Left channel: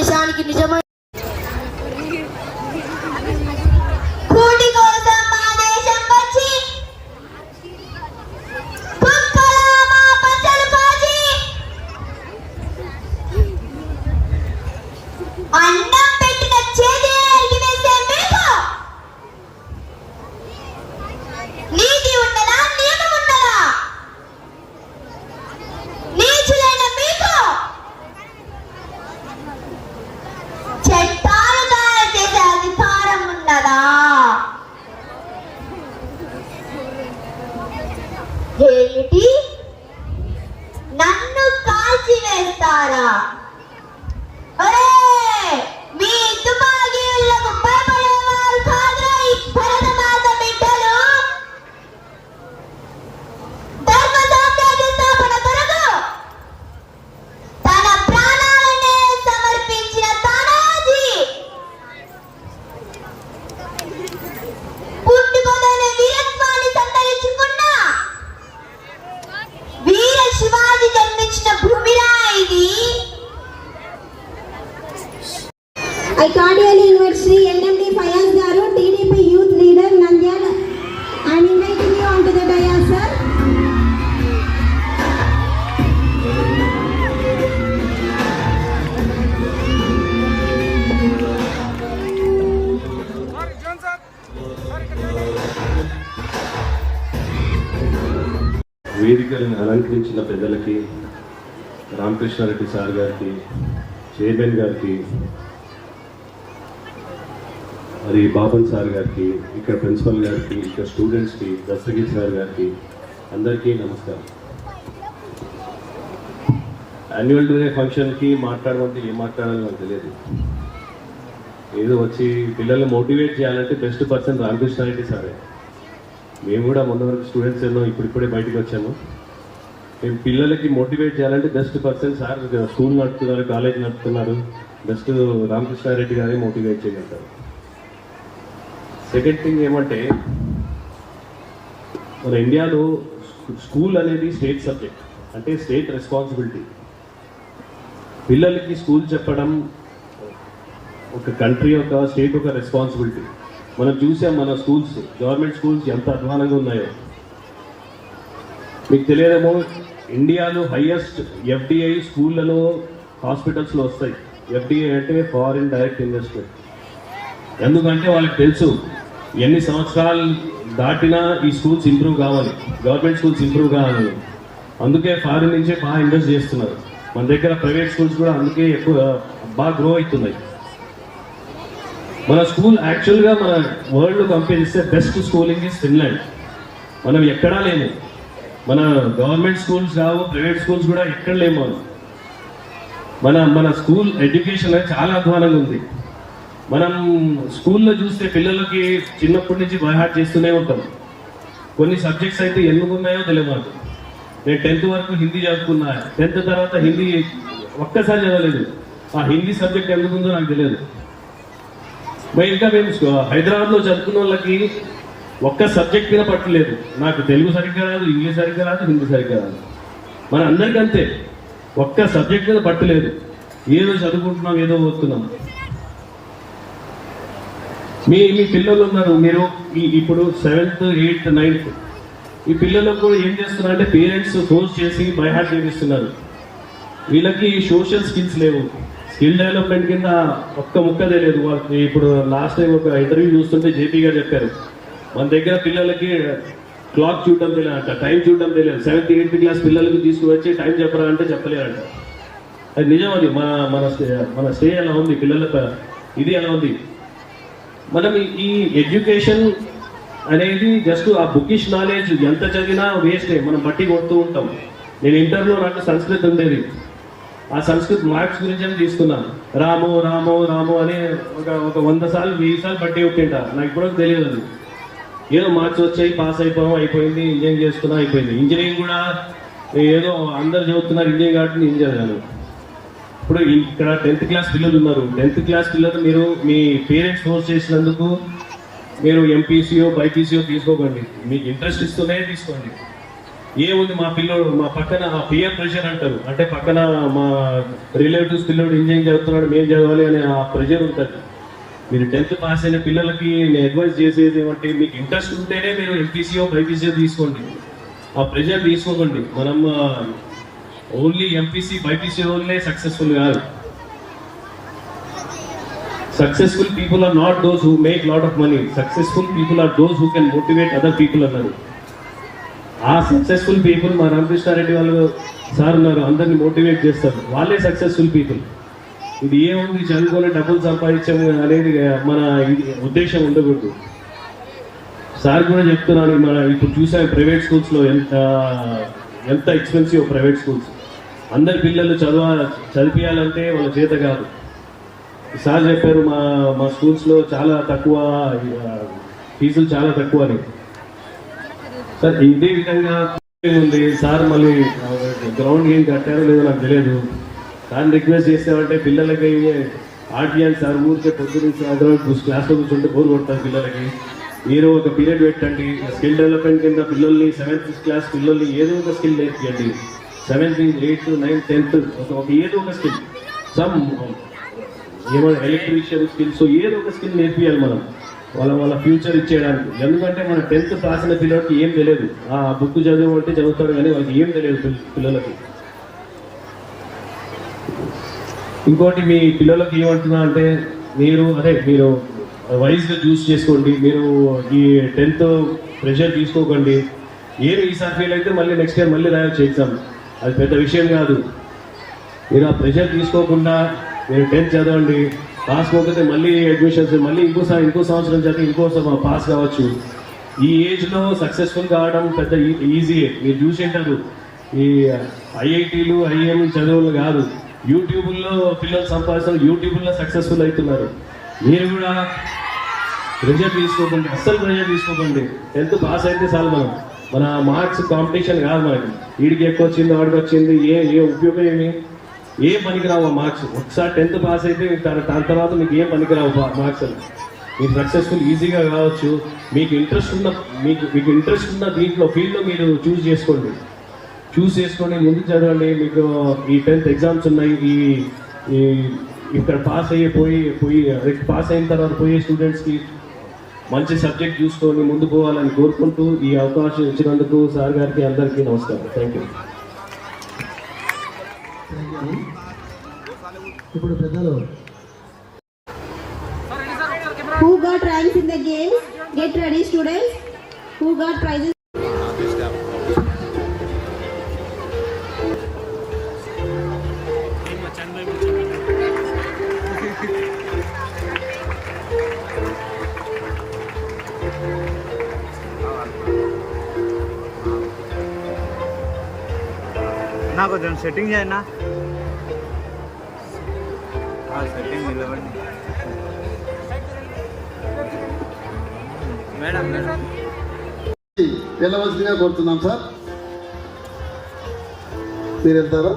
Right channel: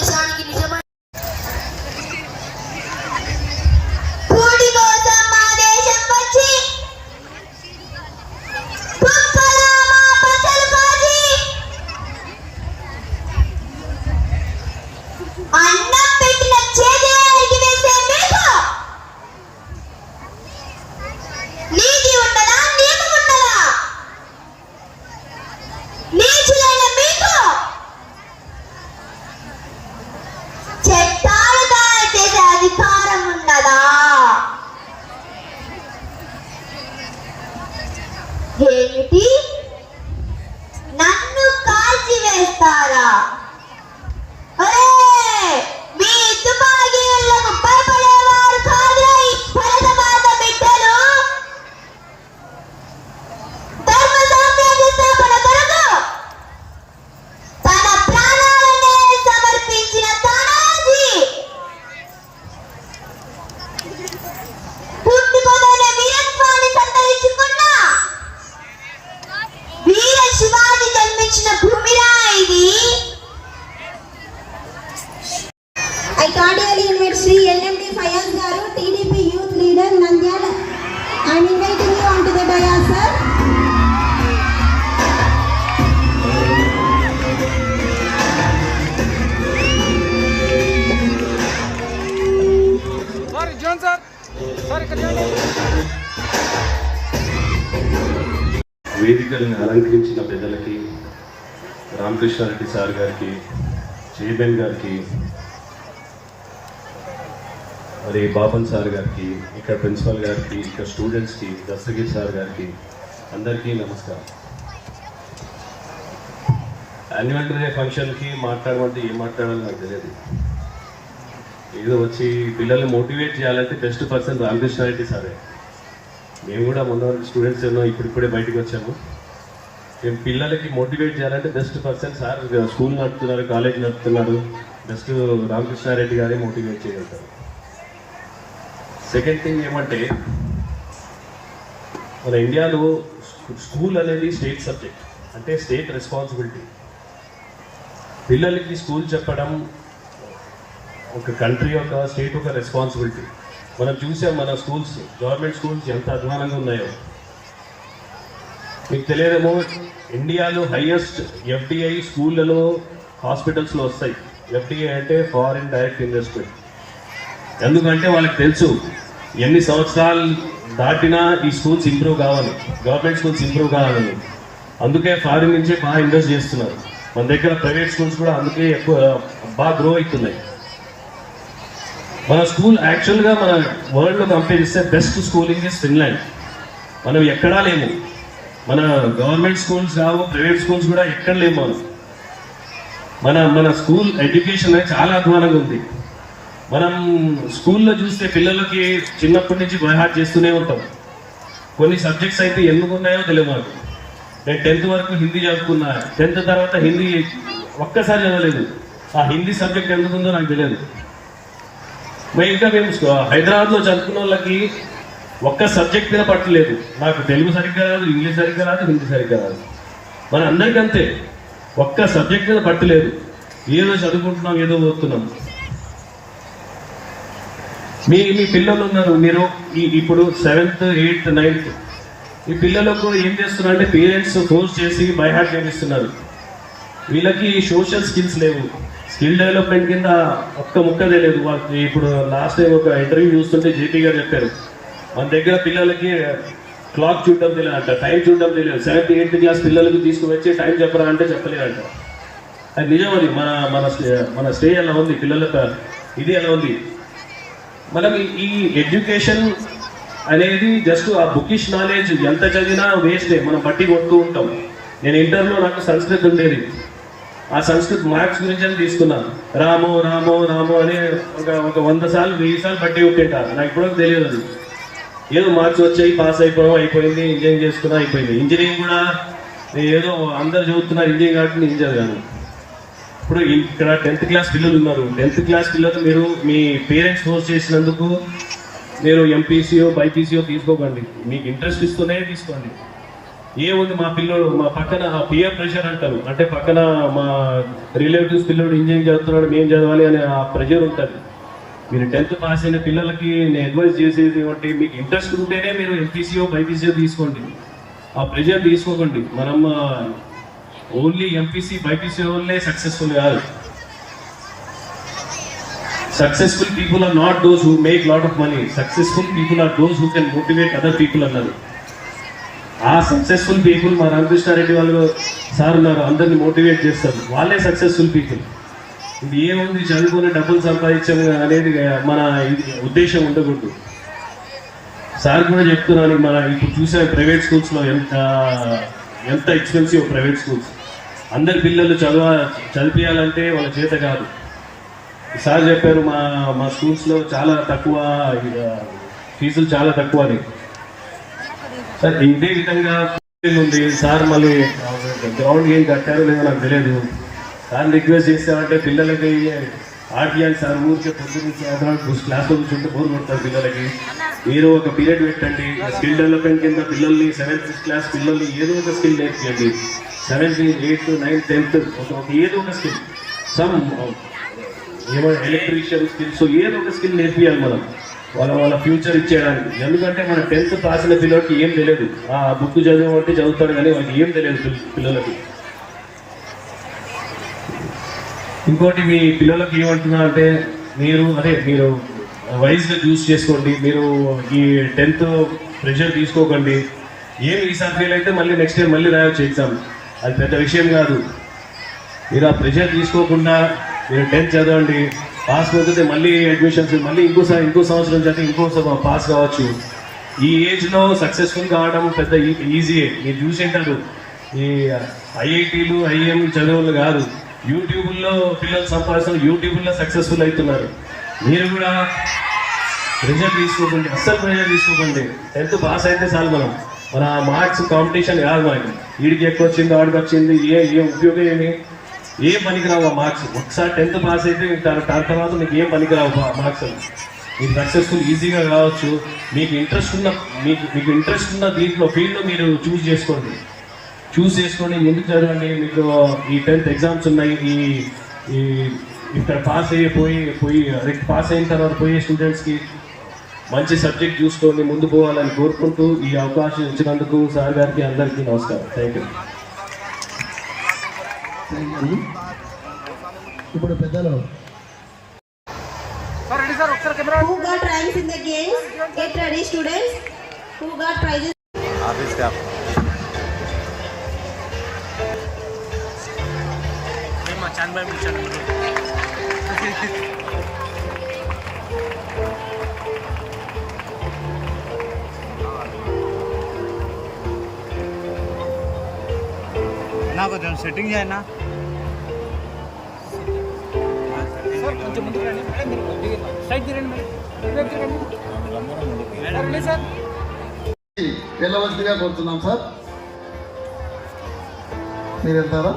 భారతదేశానికి నిజమైన ఏమిటి? నన్ను కాల్చి వేస్తారా? మీ తుపాకీలకు భయపడేవారు కాదురా ఈ భరతమాత బిడ్డలు. ధర్మ సంస్థాపన కొరకు తన ప్రాణాలనే సమర్పించిన తానాజీ పుట్టుకొనే వీరత్వాన్ని సంతరించుకున్న వీర శివాజీ జన్మించిన భూమిరా ఇది. I cordially invite Sri NMD Fayaz Garu, TDP Youth Leader, Nandyal. I am inviting you onto the dais, sir. వేదికను అలంకరించిన పెద్దలకి, రామకృష్ణారెడ్డి సార్ గారికి, చైర్మన్ గారికి, మరి బాబన్ సార్ గారికి, ఇక్కడ ప్రిన్సిపల్ గారికి, ఇక్కడ స్టూడెంట్స్కి, దస్తగిరి సార్ గారికి అందరికీ నమస్కారం. యాన్యువల్ డే ఫంక్షన్కి మాట్లాడమంటే ఏం మాట్లాడాలో నాకు తెలియదు. ఏదో వచ్చి పిల్లల్ని మోటివేట్ చేయాలంటే బెస్ట్ పర్సన్ రామకృష్ణారెడ్డి సారే. మేము కూడా మొన్న స్టూడెంట్స్ ఏమో ఇప్పుడిప్పుడే బయటకు వచ్చాము. మేము పిల్లలకి మోటివేట్ చేయాలంటే బెస్ట్ పర్సన్ సార్. స్కూల్ నడుపుతున్నారు, కాలేజ్ నడుపుతున్నారు, బెస్ట్ రామకృష్ణారెడ్డి గారే మోటివేట్ చేయగలుగుతారు. సెకండ్ థింగ్ ఏమంటే, మన ఇండియాలో స్కూల్ అనేది స్టేట్ సబ్జెక్ట్, అంటే స్టేట్ రెస్పాన్సిబిలిటీ. పిల్లలకి స్కూల్ చెప్పడం ఒక కంట్రీ, ఒక స్టేట్ ఒక రెస్పాన్సిబిలిటీ. మనం చూసాం మన స్కూల్స్, గవర్నమెంట్ స్కూల్స్ ఎంత అధ్వానంగా ఉన్నాయో. మీకు తెలియదేమో, ఇండియాలో హైయెస్ట్ ఎఫ్డిఐ స్కూళ్ళలో, హాస్పిటల్స్లో వస్తాయి. ఎఫ్డిఐ అంటే ఫారిన్ డైరెక్ట్ ఇన్వెస్ట్మెంట్. ఎందుకంటే వాళ్ళకి తెలుసు ఎన్ని సంవత్సరాలు దాటినా ఈ స్కూల్స్ ఇంప్రూవ్ కావాలి, గవర్నమెంట్ స్కూల్స్ ఇంప్రూవ్ కావాలి. అందుకే ఫారిన్ నుంచే బాగా ఇన్వెస్ట్ చేస్తున్నారు. మన దగ్గర ప్రైవేట్ స్కూల్స్ కూడా అందుకే ఎక్కువ బాగా గ్రో అవుతున్నాయి. మన స్కూల్ యాక్చువల్గా మన వరల్డ్లో కంపేర్ చేస్తే బెస్ట్ స్కూలింగ్ ఇస్ ఫిన్లాండ్. మనం ఎక్కడా లేము. మన గవర్నమెంట్ స్కూల్స్ కావు, ప్రైవేట్ స్కూల్స్ కూడా ఎక్కడ లేము. మన స్కూల్ ఎడ్యుకేషన్ చాలా అధ్వానంగా ఉంది. మనం స్కూల్లో చూస్తే పిల్లలకి చిన్నప్పటి నుంచి బైహార్ట్ చేస్తూనే ఉంటాం. కొన్ని సబ్జెక్ట్స్ అయితే ఎందుకు ఉన్నాయో తెలియదు మనకు. నేను 10th వరకు హిందీ చదువుకున్నా, 10th తర్వాత హిందీ ఒక్కసారి చదవలేదు. ఆ హిందీ సబ్జెక్ట్ ఎందుకు ఉందో నాకు తెలియదు. ఇంకా మేము హైదరాబాద్లో చదువుకున్న వాళ్ళకి ఒక్క సబ్జెక్ట్ మీద పట్టలేదు. నాకు తెలుగు సరిగ్గా రాదు, ఇంగ్లీష్ సరిగ్గా రాదు, హిందీ సరిగ్గా రాదు. మన అందరికంతే ఒక్క సబ్జెక్ట్ మీద పట్టలేదు. ఏదో చదువుకుంటున్నాం, ఏదో వస్తున్నాం. మీ పిల్లలు ఉన్నారు, మీరు ఇప్పుడు 7th, 8th, 9th ఈ పిల్లలకు ఏం చేస్తున్నారు అంటే పేరెంట్స్ ఫోర్స్ చేసి బైహార్ట్ చేపిస్తున్నారు. వీళ్ళకి సోషల్ స్కిల్స్ లేవు. స్కిల్ డెవలప్మెంట్ కింద ఒక్క ముక్క తెలియదు వాళ్ళకి. ఇప్పుడు లాస్ట్ ఒక ఇంటర్వ్యూ చూస్తుంటే జేపీ గారు చెప్పారు, మన దగ్గర పిల్లలకి క్లాక్ చూడడం తెలియదు, టైం చూడడం తెలియదు. 7th, 8th క్లాస్ పిల్లలకి తీసుకువచ్చి టైం చెప్పరా అంటే చెప్పలేదంట. అది నిజం. అది మన స్టే ఎలా ఉంది, పిల్లల ఇది ఎలా ఉంది. మనం ఈ ఎడ్యుకేషన్ అనేది జస్ట్ ఆ బుకిష్ నాలెడ్జ్ ఎంత చదివినా వేస్టే. మనం బట్టి కొడుతూ ఉంటాం. నేను ఇంటర్లో నాకు సంస్కృత్ ఉండేది. ఆ సంస్కృత్ మార్క్స్ గురించి అని తీసుకున్నాను. రాము రాము రాము అని ఒక 100 సార్లు 1000 సార్లు బట్టి కొట్టింటారు. నాకు ఇప్పుడు తెలియదు. అది ఏదో మార్క్స్ వచ్చాయి, పాస్ అయిపోవడం అయిపోయింది, ఇంజనీరింగ్ చేసుకున్నా అయిపోయింది. ఇంజనీరింగ్ కూడా ఏదో అందరు చదువుతున్నారు ఇంజనీరింగ్ కాబట్టి నేను చదివాను. ఇప్పుడు ఇక్కడ 10th క్లాస్ పిల్లలు ఉన్నారు. 10th క్లాస్ పిల్లలు మీరు మీ పేరెంట్స్ ఫోర్స్ చేసినందుకు మీరు ఎంపీసీఓ బైపీసీఓ తీసుకోకండి. మీకు ఇంట్రెస్ట్ ఇస్తూనే తీసుకోండి. ఏముంది మా పిల్లలు మా పక్కన పియర్ ప్రెషర్ అంటారు, అంటే పక్కన మా రిలేటివ్స్ పిల్లడు ఇంజనీరింగ్ చదువుతున్నాడు మేము చదవాలి అనే ప్రెషర్ ఉంటుంది. మీరు 10th పాస్ అయిన పిల్లలకి నేను అడ్వైజ్ చేసేది ఏమంటే, మీకు ఇంట్రెస్ట్ ఉంటేనే మీరు ఎంపీసీఓ బైపీసీఓ తీసుకోండి, ఆ ప్రెషర్ తీసుకోకండి. మనం ఓన్లీ ఎంపీసీ బైపీసీఓలనే సక్సెస్ఫుల్ కాదు. Successful people are not those who make lot of money, successful people are those who can motivate other people అన్నారు. ఆ సక్సెస్ఫుల్ పీపుల్ మా రామకృష్ణారెడ్డి వాళ్ళు సార్ ఉన్నారు, అందరిని మోటివేట్ చేస్తారు, వాళ్ళే సక్సెస్ఫుల్ పీపుల్. ఇది ఏముంది చదువుకొని డబ్బులు సంపాదించాలి అనేది మన ఉద్దేశం ఉండకూడదు. సార్ కూడా చెప్తున్నాను, మన ఇప్పుడు చూసాం ప్రైవేట్ స్కూల్స్లో ఎంత ఎక్స్పెన్సివ్ ప్రైవేట్ స్కూల్స్. అందరి పిల్లలు చదివించాలంటే వాళ్ళ చేత కాదు. సార్ చెప్పారు మా స్కూల్స్లో చాలా తక్కువ ఫీజులు చాలా తక్కువ అని. సార్ ఇదే విధంగా ఉంది. సార్ మళ్ళీ గ్రౌండ్ ఏం కట్టారో లేదో నాకు తెలియదు. సార్ రిక్వెస్ట్ చేస్తారంటే పిల్లలకి ఆర్టీఐ సార్ ఊరికే పొద్దున్న క్లాస్లో కూర్చుంటే బోర్ కొడతారు పిల్లలకి. ఏదో ఒక పీరియడ్ పెట్టండి, స్కిల్ డెవలప్మెంట్ కింద పిల్లల్ని 7th క్లాస్ పిల్లల్ని ఏదో ఒక స్కిల్ నేర్పించండి. 7th 8th 9th 10th ఏదో ఒక స్కిల్, సమ్ ఏమో ఎలక్ట్రీషియన్ స్కిల్స్ ఏదో ఒక స్కిల్ నేర్పియాలి మనం వాళ్ళ ఫ్యూచర్ ఇచ్చేయడానికి. ఎందుకంటే మన 10th పాస్ అయిన పిల్లలకి ఏం తెలియదు, ఆ బుక్ చదివబట్టి చదువుతాడు కానీ వాళ్ళకి ఏం తెలియదు పిల్లలకి. ఇంకోటి మీ పిల్లలకి ఏమంటున్నా అంటే, మీరు వైజ్గా చూస్ చేసుకోండి. మీరు ఈ 10th ప్రెషర్ తీసుకోకండి. ఈసారి ఫెయిల్ అయితే మళ్ళీ నెక్స్ట్ టైం మళ్ళీ రాయొచ్చు ఎగ్జామ్, అది పెద్ద విషయం కాదు. మీరు ఆ ప్రెషర్ తీసుకోకుండా మీరు 10th చదవండి, పాస్ కాకపోతే మళ్ళీ అడ్మిషన్స్, మళ్ళీ ఇంకో సంవత్సరం చదివి ఇంకో పాస్ కావచ్చు. ఈ ఏజ్లో సక్సెస్ఫుల్ కావడం పెద్ద ఈజీయే. మీరు చూసింటారు ఈ ఐఐటీలు ఐఎం చదువులు కాదు, యూట్యూబ్లో పిల్లలు సంపాదిస్తున్నారు, యూట్యూబ్లో సక్సెస్ఫుల్ అవుతున్నారు. మీరు కూడా ప్రెషర్ తీసుకోకండి, అస్సలు ప్రెషర్ తీసుకోకండి. 10th పాస్ అయితే చాలు. మన మార్క్స్ కాంపిటీషన్ కాదు మనకి, వీడికి ఎక్కువ వచ్చింది వాడికి వచ్చింది ఏ ఉపయోగం ఏం పనికిరావు మార్క్స్. ఒకసారి 10th పాస్ అయితే దాని తర్వాత మీకు ఏం పనికిరావు మార్క్స్. మీరు సక్సెస్ఫుల్ ఈజీగా కావచ్చు. మీకు ఇంట్రెస్ట్ ఉన్న దీంట్లో ఫీల్డ్లో మీరు చూస్ చేసుకోండి. ఎందుకు చదవండి. మీకు ఈ 10th ఎగ్జామ్స్ ఉన్నాయి, ఈ ఇక్కడ పాస్ అయిన తర్వాత పోయే స్టూడెంట్స్కి మంచి సబ్జెక్ట్ చూసుకొని ముందు పోవాలని కోరుకుంటూ ఈ అవకాశం ఇచ్చినందుకు సార్ గారికి అందరికీ నమస్కారం. Thank you. ఇప్పుడు పెద్దలు Who got ranks in the games? Get ready, students. Who got prizes? నా కొంచెం సెట్టింగ్ చేయనా, సెట్టింగ్ వెళ్ళవలసిందిగా కోరుతున్నాం సార్. మీరు వెళ్తారు.